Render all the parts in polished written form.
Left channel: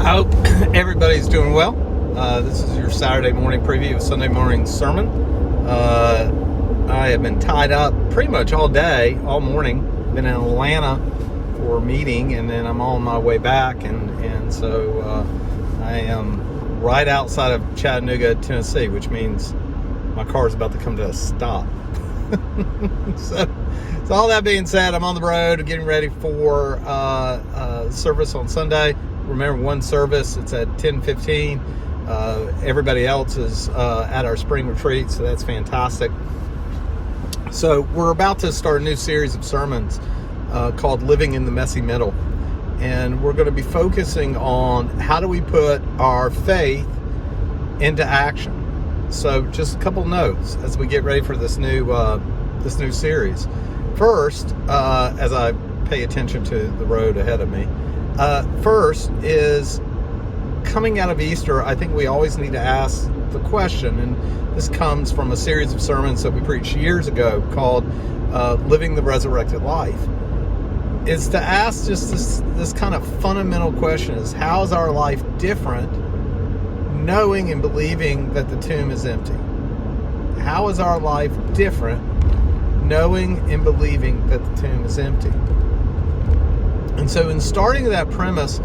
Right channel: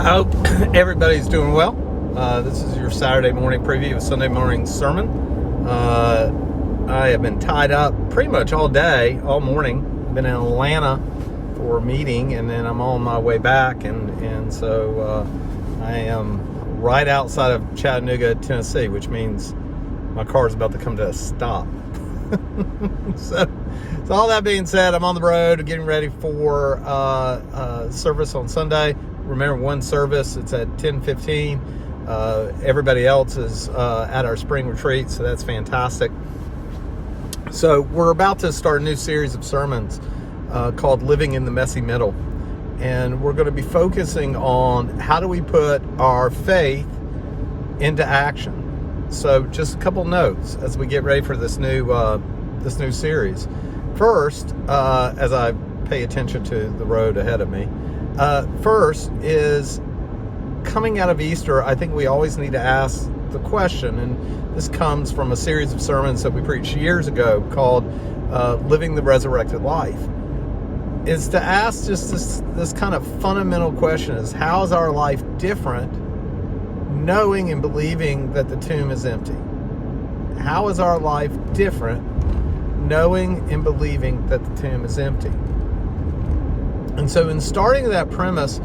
I hope everybody's doing well. This is your Saturday morning preview of Sunday morning sermon. I have been tied up pretty much all day, all morning. Been in Atlanta for a meeting, and then I'm on my way back, and so I am right outside of Chattanooga, Tennessee, which means my car is about to come to a stop. So all that being said, I'm on the road getting ready for service on Sunday. Remember, one service, it's at 10:15. Everybody else is at our spring retreat, so that's fantastic. So we're about to start a new series of sermons called Living in the Messy Middle. And we're going to be focusing on how do we put our faith into action. So just a couple notes as we get ready for this new series. First, as I pay attention to the road ahead of me, first is coming out of Easter, I think we always need to ask the question, and this comes from a series of sermons that we preached years ago called Living the Resurrected Life, is to ask just this kind of fundamental question is, how is our life different knowing and believing that the tomb is empty? How is our life different knowing and believing that the tomb is empty? And so in starting that premise,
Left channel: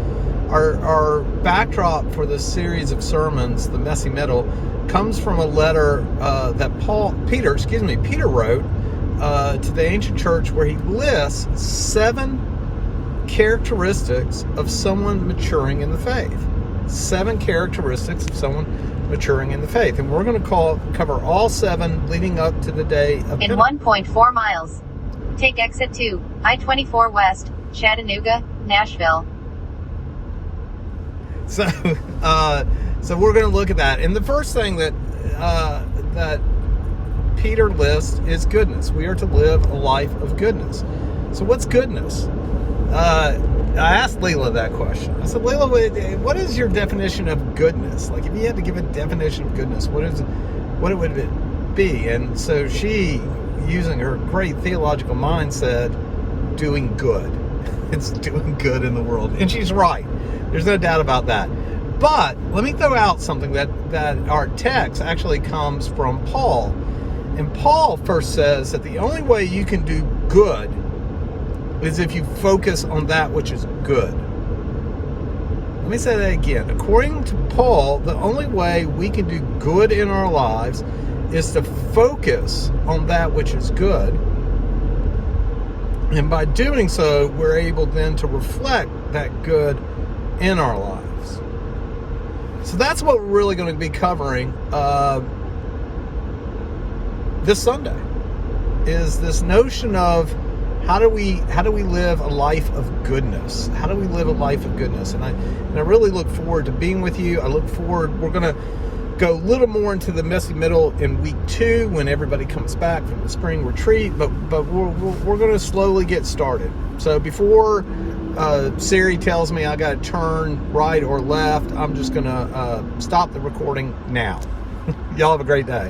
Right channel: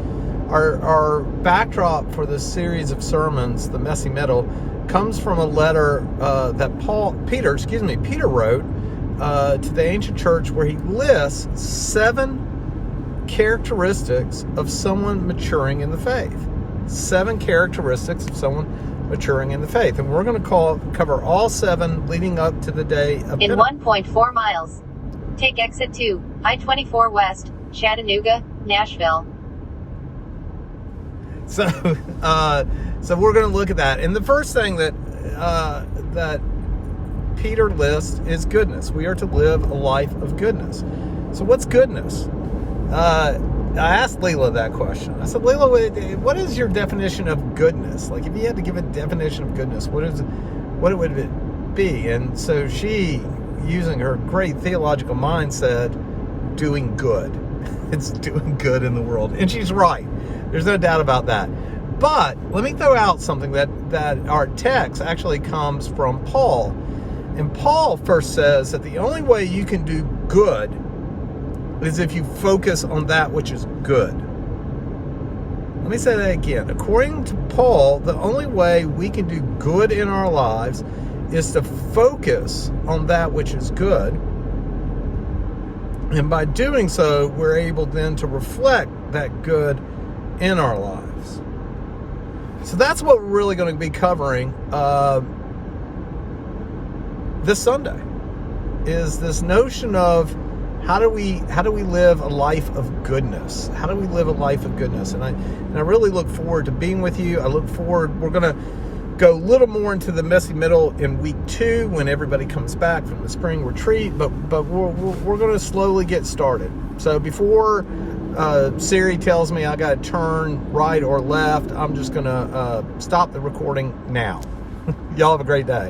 our backdrop for this series of sermons, The Messy Middle, comes from a letter that Peter wrote to the ancient church, where he lists 7 characteristics of someone maturing in the faith. 7 characteristics of someone maturing in the faith. And we're going to cover all 7 leading up to the day of in 1.4 miles. Take exit 2, I-24 West, Chattanooga, Nashville. So we're going to look at that. And the first thing that Peter lists is goodness. We are to live a life of goodness. So what's goodness? I asked Leela that question. I said, Leela, what is your definition of goodness? Like, if you had to give a definition of goodness, what would it be? And so she, using her great theological mind, said, doing good. It's doing good in the world. And she's right. There's no doubt about that. But let me throw out something that our text actually comes from Paul. And Paul first says that the only way you can do good is if you focus on that which is good. Let me say that again. According to Paul, the only way we can do good in our lives is to focus on that which is good. And by doing so, we're able then to reflect that good in our lives. So that's what we're really going to be covering this Sunday, is this notion of how do we live a life of goodness? How do we live a life of goodness? And I really look forward to being with you. I look forward, we're going to go a little more into the messy middle in week 2 when everybody comes back from the spring retreat, but we're going to slowly get started. So before Siri tells me I got to turn right or left, I'm just going to stop the recording now. Y'all have a great day.